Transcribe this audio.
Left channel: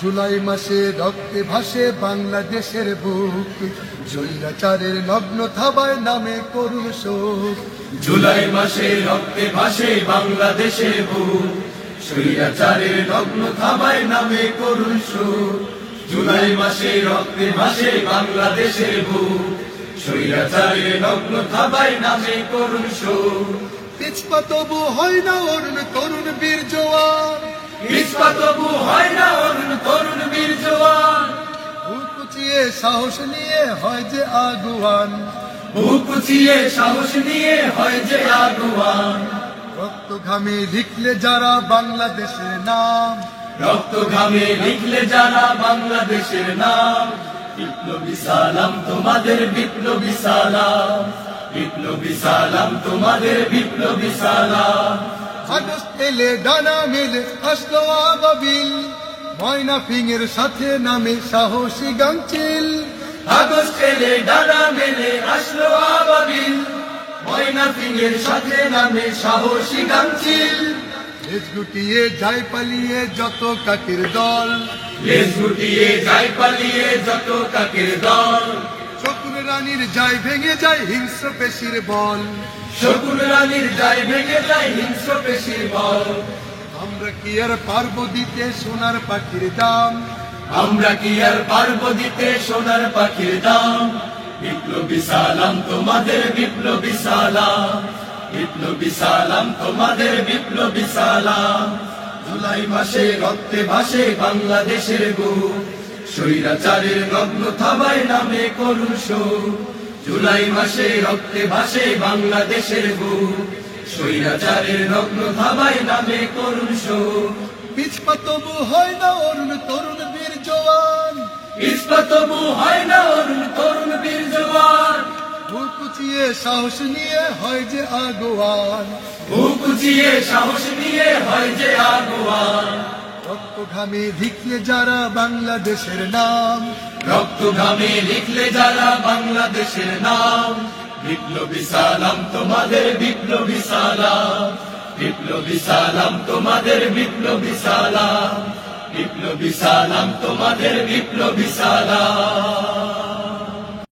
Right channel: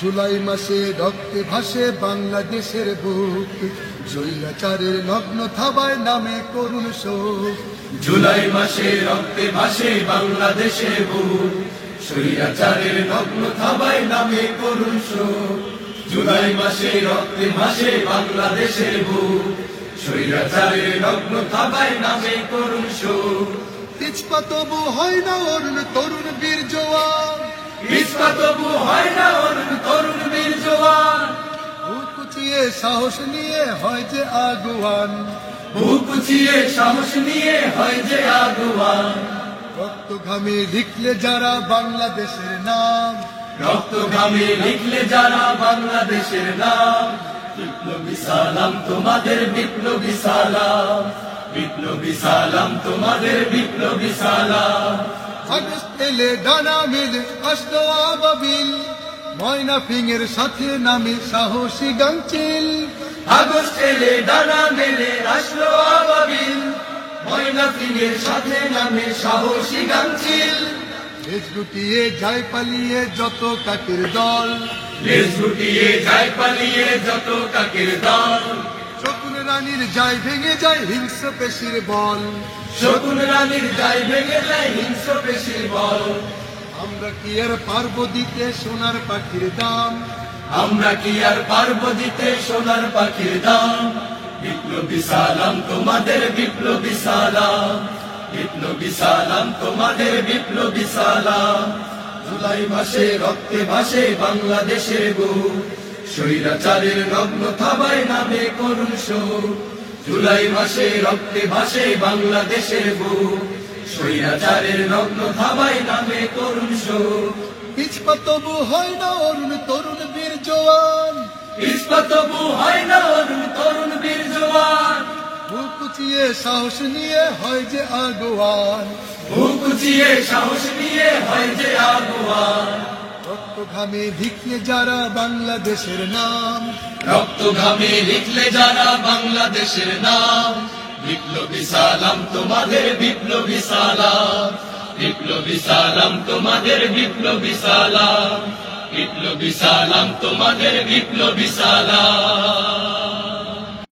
জুলাই মাসে রক্তে ভাসে বাংলাদেশের বুক, স্বৈরাচারের নগ্ন থাবায় নামে করুণ শোক। জুলাই মাসে রক্তে ভাসে বাংলাদেশের বুক, স্বৈরাচারের নগ্ন থাবায় নামে করুণ শোক। জুলাই মাসে রক্তে ভাসে বাংলাদেশের বুক, স্বৈরাচারের নগ্ন থাবায় নামে করুণ শোক। পিছপা তবু হয় না অরুণ তরুণ বীর জওয়ান, পিছপা তবু হয় না অরুণ তরুণ বীর জওয়ান। বুক উঁচিয়ে সাহস নিয়ে হয় যে আগুয়ান, বুক উঁচিয়ে সাহস নিয়ে হয় যে আগুয়ান। রক্ত ঘামে লিখলে যারা বাংলাদেশের নাম, রক্ত ঘামে লিখলে যারা বাংলাদেশের নাম। বিপ্লবী সালাম তোমাদের, বিপ্লবী সালাম, বিপ্লবী সালাম তোমাদের, বিপ্লবী সালাম। আগস্ট এলে ডানা মেলে আসলো আবাবিল, ময়না ফিঙের সাথে নামে সাহসী গাংচিল। আগস্ট এলে ডানা মেলে আসলো আবাবিল, ময়না ফিঙের সাথে নামে সাহসী গাংচিল। দেশ গুটিয়ে যায় পালিয়ে যত কাকের দল, দেশ গুটিয়ে যায় পালিয়ে যত কাকের দল। শকুন রানীর যায় ভেঙে যায় হিংস্র পেশির বল, শকুন রানীর যায় ভেঙে যায় হিংস্র পেশির বল। আমরা কি আর পারবো দিতে সোনার পাখির দাম, আমরা কি আর পারবো দিতে সোনার পাখির দাম। বিপ্লবী সালাম তোমাদের, বিপ্লবী সালাম, বিপ্লবী সালাম তোমাদের, বিপ্লবী সালাম। জুলাই মাসে রক্তে ভাসে বাংলাদেশের বুক, স্বৈরাচারের নগ্ন থাবায় নামে করুণ শোক। জুলাই মাসে রক্তে ভাসে বাংলাদেশের বুক, স্বৈরাচারের নগ্ন থাবায় নামে করুণ শোক। পিছপা তবু হয় না অরুণ তরুণ বীর জওয়ান, পিছপা তবু হয় না অরুণ তরুণ বীর জওয়ান। বুক উঁচিয়ে সাহস নিয়ে হয় যে আগুয়ান, বুক উঁচিয়ে সাহস নিয়ে হয় যে আগুয়ান। রক্ত ঘামে লিখলে যারা বাংলাদেশের নাম, রক্ত ঘামে লিখলে যারা বাংলাদেশের নাম। বিপ্লবী সালাম তোমাদের, বিপ্লবী সালাম, বিপ্লবী সালাম তোমাদের, বিপ্লবী সালাম, বিপ্লবী সালাম তোমাদের, বিপ্লবী সালাম।